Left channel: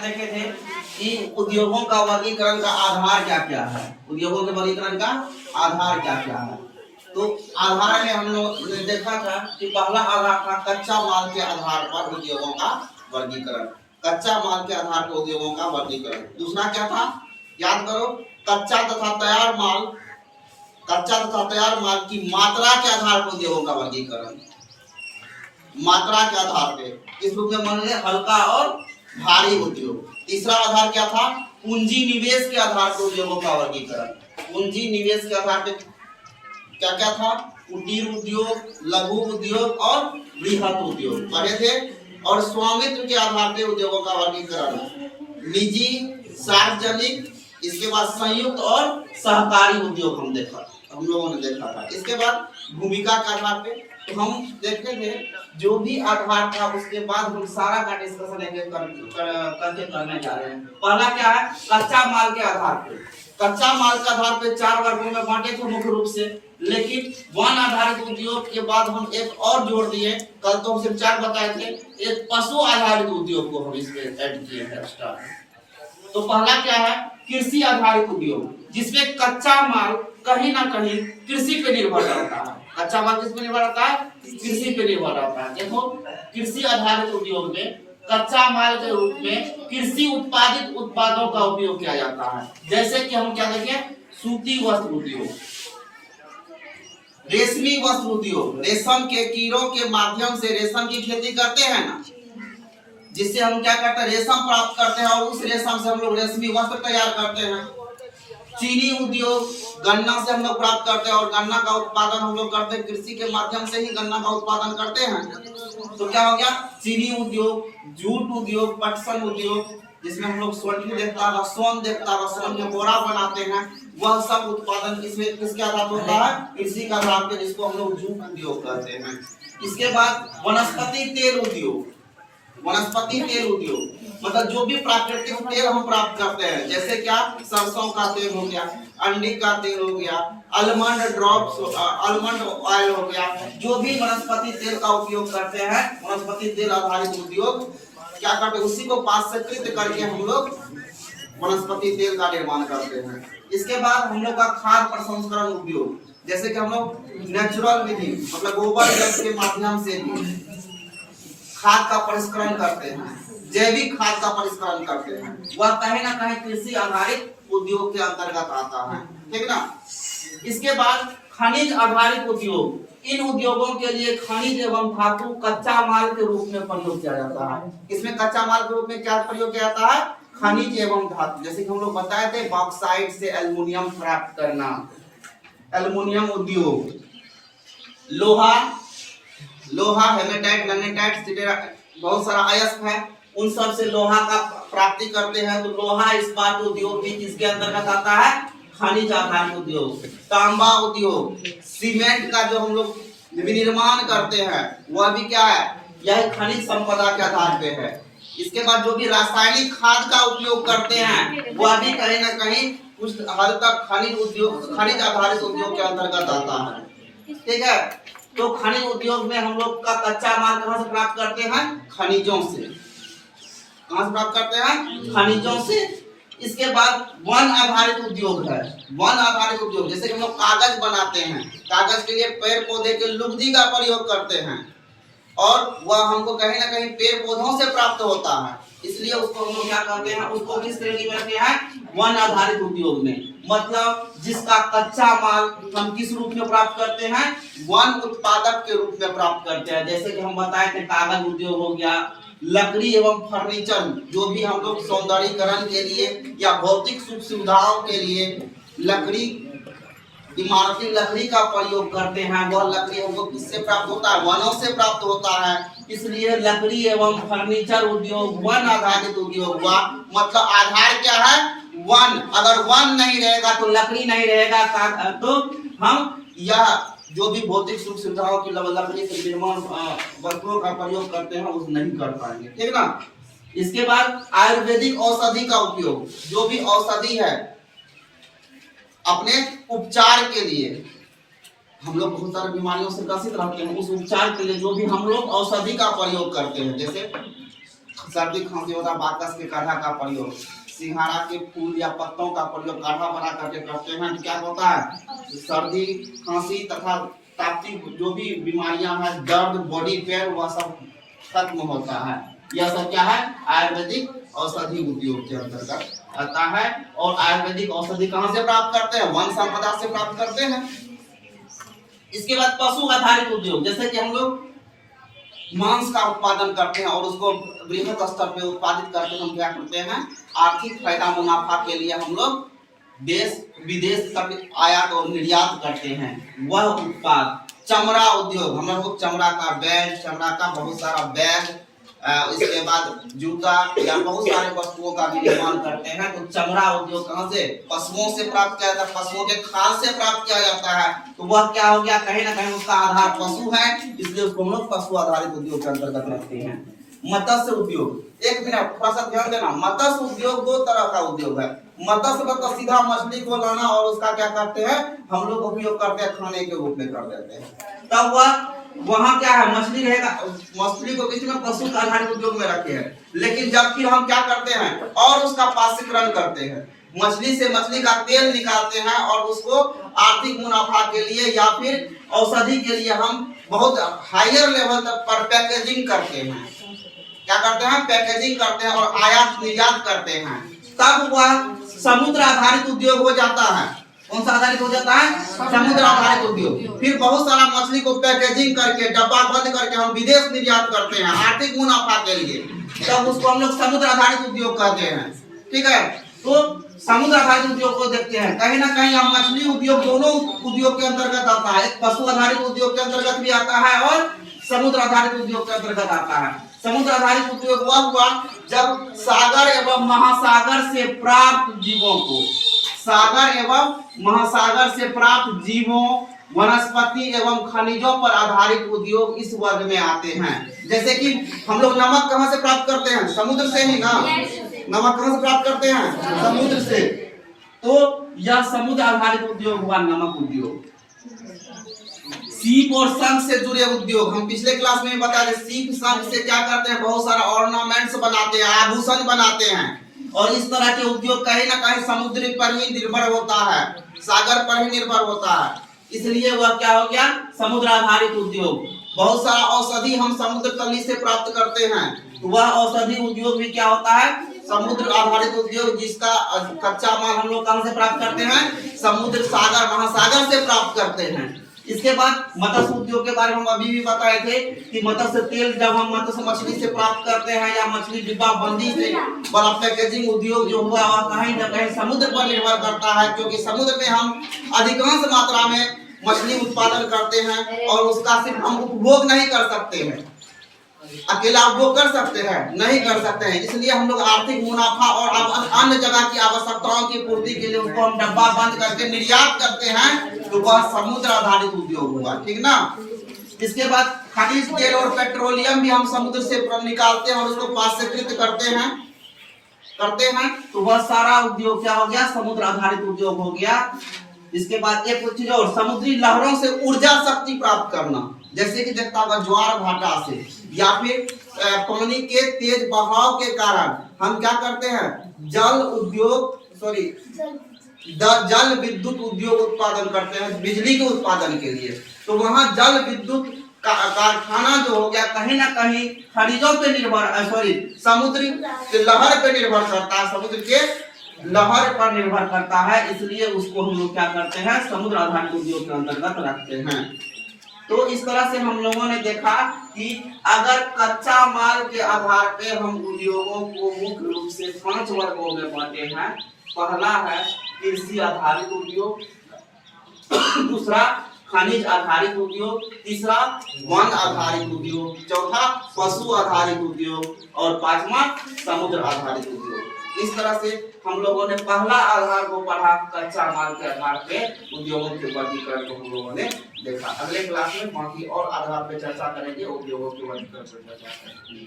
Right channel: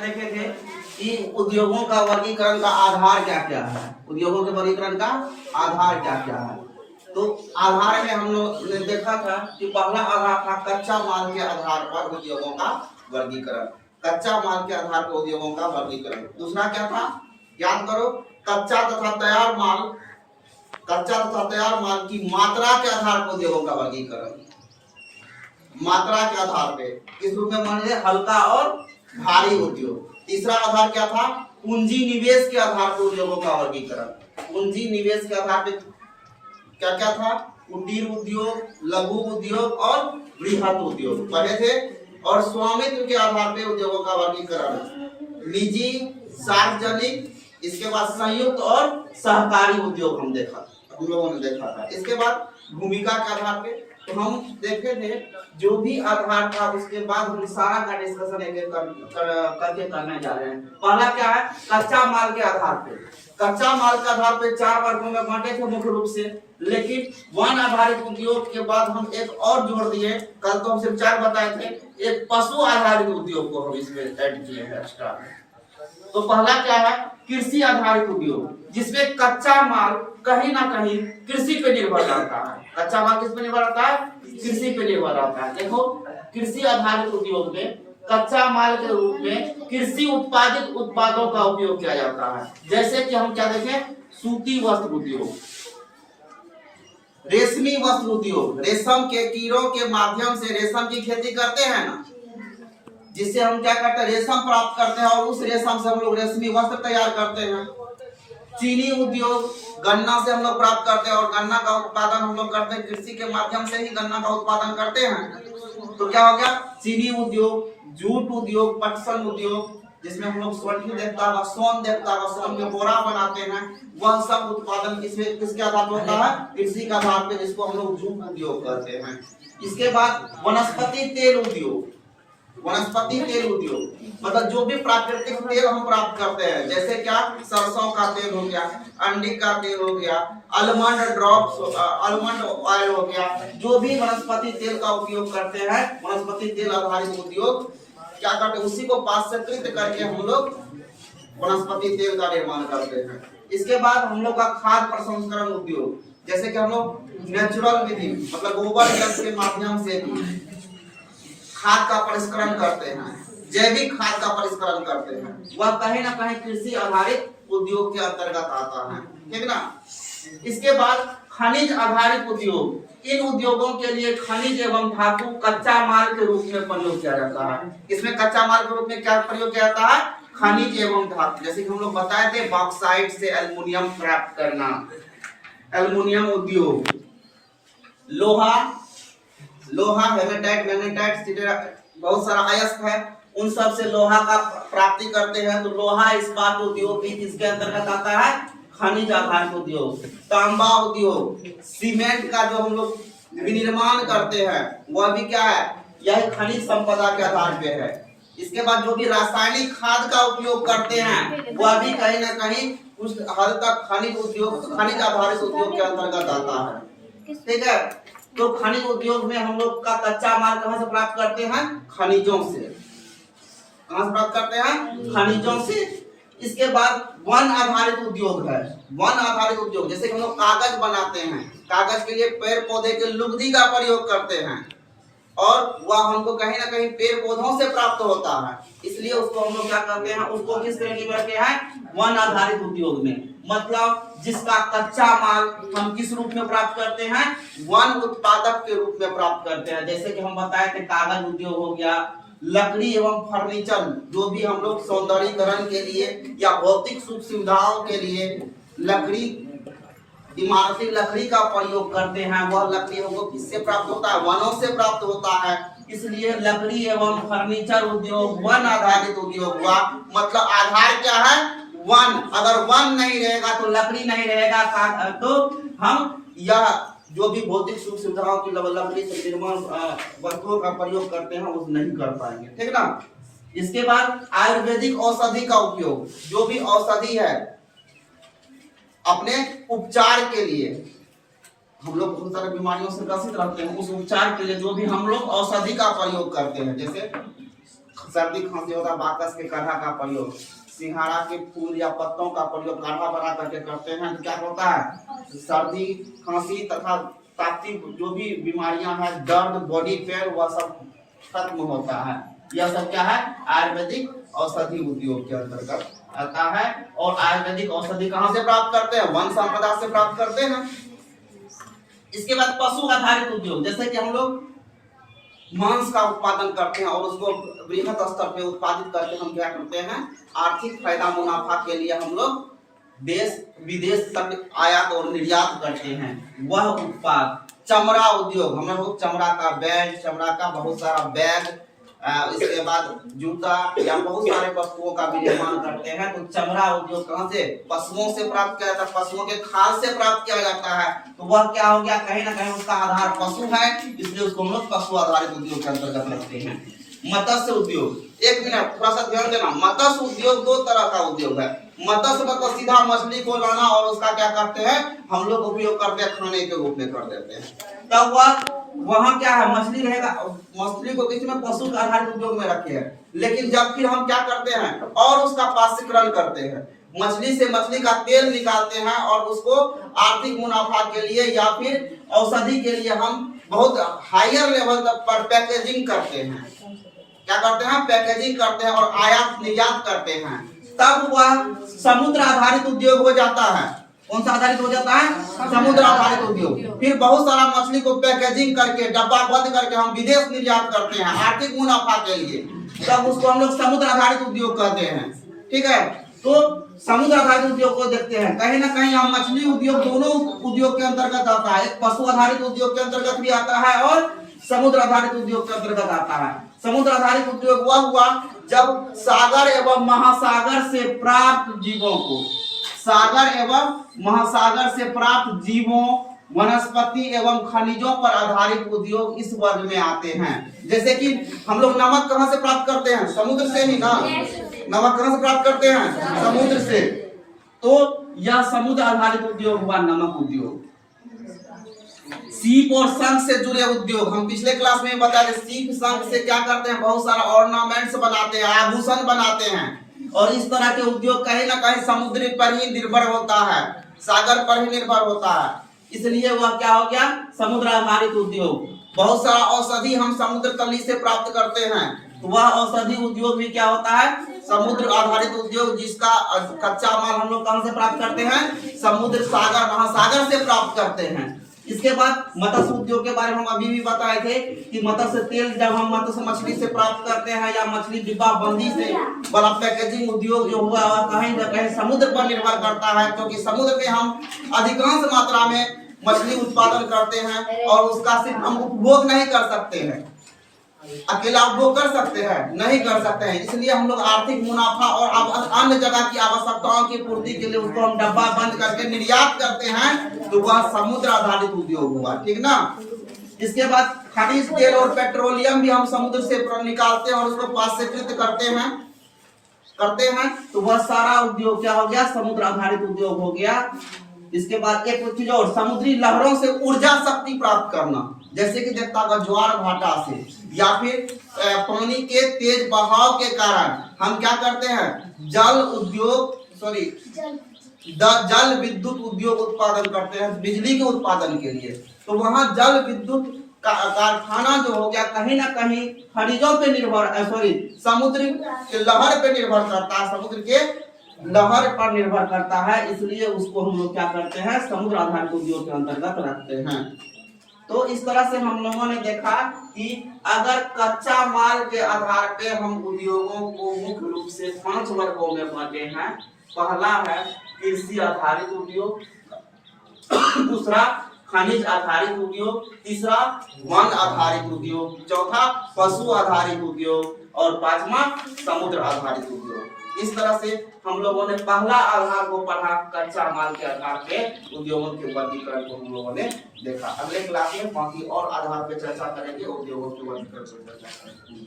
देखे थे कि उद्योगों का वर्गीकरण का आधार क्या क्या है। उद्योगों के वर्गीकरण का आधार क्या क्या है। तो आधार में हम लोग ने देखा था कि पहला आधार था कच्चा माल के आधार पर उद्योगों का वर्गीकरण। कच्चा माल के आधार पर उद्योगों का वर्गीकरण। दूसरा क्या था, याद करो, कच्चा तथा तैयार माल, कच्चा तथा तैयार माल की मात्रा के आधार पर उद्योगों का वर्गीकरण। मात्रा के आधार पे किस रूप में माने, हल्का और भारी उद्योग। तीसरा आधार क्या था, पूंजी निवेश के आधार पर उद्योगों का वर्गीकरण। पूंजी निवेश के आधार पे क्या क्या था, कुटीर उद्योग, लघु उद्योग और बृहत उद्योग पढ़े थे। और स्वामित्व के आधार पे उद्योगों का वर्गीकरण, निजी, सार्वजनिक, इसके बाद संयुक्त और सहकारी उद्योग हम लोगों ने देखा था। इसके बाद भूमिका के आधार पे तो हम देखे थे जो भी आधार था उसके बाद हम सारा का डिस्कशन एक एक करके करने जा रहे हैं। पहला क्या है, कच्चा माल के आधार पे। कच्चा माल के आधार पे 4 वर्गों में बांटे थे मुख्य रूप से, लेकिन वन आधारित उद्योग के बाद हम एक और जोड़ दिए। कल तो हम सिर्फ 4 बताए थे, एक पशु आधारित उद्योग को हम इसमें ऐड किए हैं एक्स्ट्रा। तो पहला क्या है, कृषि आधारित उद्योग, जिसमें कच्चा माल कहीं ना कहीं कृषि पे निर्भर रहता है। कच्चा माल किस पे निर्भर रहता है, कृषि पे निर्भर रहता है। देखो, कृषि आधारित उद्योग में कच्चा माल के रूप में कृषि उत्पादित उत्पादों का उपयोग किया जाता है। जैसे कि हम क्या देखें, सूती वस्त्र उद्योग, रेशमी वस्त्र उद्योग, रेशम के कीड़ों के माध्यम से रेशम की खेती करते हैं ना, जिससे हम क्या करते हैं, रेशम प्राप्त करते हैं और उस रेशम से हम लोग रेशमी वस्त्र तैयार करते हैं। चीनी उद्योग, गन्ना से हम लोग प्राप्त करते हैं और गन्ना का उत्पादन हम लोग करते हैं, कृषि के माध्यम से ही गन्ना का उत्पादन करते हैं। तो क्या हो गया, चीनी उद्योग, जूट उद्योग, पटसन उद्योग, जिसमें हम लोग स्वर्ण देखता है, सोन देखता है, सोन के बोरा बनाते हैं, वह सब उत्पादन किसके आधार पर होता है, कृषि के आधार पर, जिसको हम लोग जूट उद्योग कहते हैं। इसके बाद वनस्पति तेल उद्योग, वनस्पति तेल उद्योग मतलब जो भी प्राकृतिक तेल हम प्राप्त करते हैं, जैसे क्या, सरसों का तेल हो गया, अंडे का तेल हो गया, आलमंड ड्रॉप्स, आलमंड ऑयल हो गया, जो भी वनस्पति तेल का उपयोग करते हैं, वनस्पति तेल आधारित उद्योग क्या करते हैं, उसी को पाश्चक्रित करके हम लोग वनस्पति तेल का निर्माण करते हैं। इसके बाद हम लोग का खाद्य प्रसंस्करण उद्योग, जैसे कि हम लोग नेचुरल विधि मतलब गोबर गैस के माध्यम से भी खाद का परिष्करण करते हैं, जैविक खाद का परिष्करण करते हैं, वह कहीं ना कहीं कृषि आधारित उद्योग के अंतर्गत आता है, ठीक ना। इसके बाद खनिज आधारित उद्योग, इन उद्योगों के लिए खनिज एवं धातु कच्चा माल के रूप में प्रयोग किया जाता है। इसमें कच्चा माल के रूप में क्या प्रयोग किया जाता है, खनिज एवं धातु। जैसे कि हम लोग बताए थे, बॉक्साइट से एल्युमिनियम प्राप्त करना, एल्युमिनियम उद्योग, लोहा, हेमेटाइट, मैग्नेटाइट, बहुत सारा अयस्क है, उन सब से लोहा का प्राप्ति करते हैं। तो लोहा इस्पात उद्योग भी किसके अंतर्गत आता है, खनिज आधारित उद्योग। तांबा उद्योग, सीमेंट का जो हम लोग विनिर्माण करते हैं वह भी क्या है, यह खनिज संपदा के आधार पे है। इसके बाद जो भी रासायनिक खाद का उपयोग करते हैं वह भी कहीं ना कहीं कुछ हद तक खनिज उद्योग, खनिज आधारित उद्योग के अंतर्गत आता है, ठीक है। तो खनिज उद्योग में हम लोग का कच्चा माल कहां से प्राप्त करते हैं, खनिजों से। कहां से प्राप्त करते हैं, खनिजों से। इसके बाद वन आधारित उद्योग है, वन आधारित उद्योग, जैसे कि हम लोग कागज बनाते हैं, कागज के लिए पेड़ पौधे के लुगदी का प्रयोग करते हैं और वह हमको कहीं ना कहीं पेड़ पौधों से प्राप्त होता है, इसलिए उसको हम लोग क्या करते हैं, उसको किस श्रेणी में रखते हैं, वन आधारित उद्योग में। मतलब जिसका कच्चा माल हम किस रूप में प्राप्त करते हैं, वन उत्पादक के रूप में प्राप्त करते हैं। जैसे कि हम बताए थे, कागज उद्योग हो गया, लकड़ी एवं फर्नीचर, जो भी हम लोग सौंदर्यीकरण के लिए या भौतिक सुख सुविधाओं के लिए लकड़ी, इमारती लकड़ी का प्रयोग करते हैं, वह लकड़ी हमको किससे प्राप्त होता है, वनों से प्राप्त होता है। इसलिए लकड़ी एवं फर्नीचर उद्योग वन आधारित उद्योग हुआ। मतलब आधार क्या है, वन। अगर वन नहीं रहेगा तो लकड़ी नहीं रहेगा, तो हम यह जो भी भौतिक सुख सुविधाओं की लकड़ी से निर्माण वस्तुओं का प्रयोग करते हैं उस नहीं कर पाएंगे, ठीक ना। इसके बाद आयुर्वेदिक औषधि का उपयोग, जो भी औषधि है अपने उपचार के लिए, हम लोग बहुत सारी बीमारियों से ग्रसित रहते हैं, उस उपचार के लिए जो भी हम लोग औषधि का प्रयोग करते हैं, जैसे सर्दी खांसी होता है बाकस के काढ़ा का प्रयोग, सिंघाड़ा के फूल या पत्तों का प्रयोग काढ़ा बना करके करते हैं तो क्या होता है सर्दी खांसी तथा ताप्ती जो भी बीमारियां हैं दर्द बॉडी पेन वह सब खत्म होता है। यह सब क्या है आयुर्वेदिक औषधि उद्योग के अंतर्गत आता है। और आयुर्वेदिक औषधि कहाँ से प्राप्त करते हैं वन संपदा से प्राप्त करते हैं। इसके बाद पशु आधारित उद्योग, जैसे कि हम लोग मांस का उत्पादन करते हैं और उसको बृहद स्तर पे उत्पादित करके हम क्या करते हैं आर्थिक फायदा मुनाफा के लिए हम लोग देश विदेश तक आयात और निर्यात करते हैं। वह उत्पाद चमड़ा उद्योग, हम लोग चमड़ा का बेल्ट, चमड़ा का बहुत सारा बैग, इसके बाद जूता या बहुत सारे वस्तुओं का भी निर्माण करते हैं। तो चमड़ा उद्योग कहाँ से पशुओं से प्राप्त किया जाता है, पशुओं के खाल से प्राप्त किया जाता है। तो वह क्या हो गया कहीं ना कहीं उसका आधार पशु है, इसलिए उसको हम लोग पशु आधारित उद्योग के अंतर्गत रखते हैं। मत्स्य उद्योग, एक मिनट थोड़ा सा ध्यान देना, मत्स्य उद्योग दो तरह का उद्योग है। मत्स्य मतलब सीधा मछली को लाना और उसका क्या करते हैं हम लोग उपयोग करते हैं खाने के रूप में कर देते हैं। तब वह वहाँ क्या है मछली रहेगा, मछली को किसी में पशु आधारित उद्योग में रखे हैं। लेकिन जब फिर हम क्या करते हैं और उसका पाश्चीकरण करते हैं, मछली से मछली का तेल निकालते हैं और उसको आर्थिक मुनाफा के लिए या फिर औषधि के लिए हम बहुत हायर लेवल तक पर पैकेजिंग करते हैं। क्या करते हैं पैकेजिंग करते हैं और आयात निर्यात करते हैं। तब वह समुद्र आधारित उद्योग हो जाता है। कौन सा आधारित हो जाता है समुद्र आधारित उद्योग। फिर बहुत सारा मछली को पैकेजिंग करके डब्बा बंद करके हम विदेश निर्यात करते हैं आर्थिक मुनाफा के लिए, तब उसको हम लोग समुद्र आधारित उद्योग कहते हैं। ठीक है, तो समुद्र आधारित उद्योग को देखते हैं, कहीं ना कहीं हम मछली उद्योग दोनों उद्योग के अंतर्गत आता है। पशु आधारित उद्योग के अंतर्गत भी आता है और समुद्र आधारित उद्योग के अंतर्गत आता है। समुद्र आधारित उद्योग वह हुआ जब सागर एवं महासागर से प्राप्त जीवों को, सागर एवं महासागर से प्राप्त जीवों वनस्पति एवं खनिजों पर आधारित उद्योग इस वर्ग में आते हैं। जैसे कि हम लोग नमक कहाँ से प्राप्त करते हैं समुद्र से ही ना, नमक कहाँ से प्राप्त करते हैं समुद्र से। तो यह समुद्र आधारित उद्योग हुआ नमक उद्योग। सीप और शंख से जुड़े उद्योग, हम पिछले क्लास में बता रहे सीप शंख से क्या करते हैं बहुत सारा ऑर्नामेंट्स बनाते हैं, आभूषण बनाते हैं। और इस तरह के उद्योग कहीं ना कहीं समुद्र पर ही निर्भर होता है, सागर पर ही निर्भर होता है, इसलिए वह क्या हो गया समुद्र आधारित उद्योग। बहुत सारा औषधि हम समुद्र तली से प्राप्त करते हैं, तो वह औषधि उद्योग भी क्या होता है समुद्र आधारित उद्योग, जिसका कच्चा माल हम लोग कहां से प्राप्त करते हैं समुद्र सागर महासागर से प्राप्त करते हैं। इसके बाद मत्स्य उद्योग के बारे में हम अभी भी बताए थे कि मत्स्य तेल जब हम मत्स्य मछली से प्राप्त करते हैं या मछली डिब्बा बंदी से वाला पैकेजिंग उद्योग जो हुआ वह कहीं न कहीं समुद्र पर निर्भर करता है, क्योंकि समुद्र में हम अधिकांश मात्रा में मछली उत्पादन करते हैं और उसका सिर्फ हम उपभोग नहीं कर सकते हैं, अकेला उपभोग कर सकते हैं नहीं कर सकते हैं, इसलिए हम लोग आर्थिक मुनाफा और अन्य जगह की आवश्यकताओं की पूर्ति के लिए उसको हम डब्बा बंद करके निर्यात करते हैं, तो वह समुद्र आधारित उद्योग हुआ। ठीक ना। इसके बाद खनिज तेल और पेट्रोलियम भी हम समुद्र से निकालते हैं और उसको पाश्चीकृत करते हैं, तो वह सारा उद्योग क्या हो गया समुद्र आधारित उद्योग हो गया। इसके बाद एक चीज और, समुद्री लहरों से ऊर्जा शक्ति प्राप्त करना, जैसे कि देखता होगा ज्वार भाटा से या फिर पानी के तेज बहाव के कारण हम क्या करते हैं जल विद्युत उद्योग उत्पादन करते हैं बिजली के उत्पादन के लिए। तो वहाँ जल विद्युत कारखाना जो हो गया कहीं ना कहीं खनिजों पे निर्भर समुद्र के लहर पे निर्भर करता है, समुद्र के लहर पर निर्भर करता है, इसलिए उसको हम लोग क्या करते हैं समुद्र आधारित उद्योग के अंतर्गत रखते हैं। तो इस तरह से हम लोगों ने देखा कि अगर कच्चा माल के आधार पे हम उद्योगों को मुख्य रूप से 5 वर्गों में बांटे हैं। पहला है कृषि आधारित उद्योग, दूसरा खनिज आधारित उद्योग, तीसरा वन आधारित उद्योग, चौथा पशु आधारित उद्योग और पांचवा समुद्र आधारित उद्योग। इस तरह से हम लोगों ने पहला आधार को पढ़ा, कच्चा माल के आधार पे उद्योगों के वर्गीकरण को हम लोगों ने देखा। अगले क्लास में बाकी और आधार पे चर्चा करेंगे, उद्योगों के वर्गीकरण पर चर्चा करेंगे।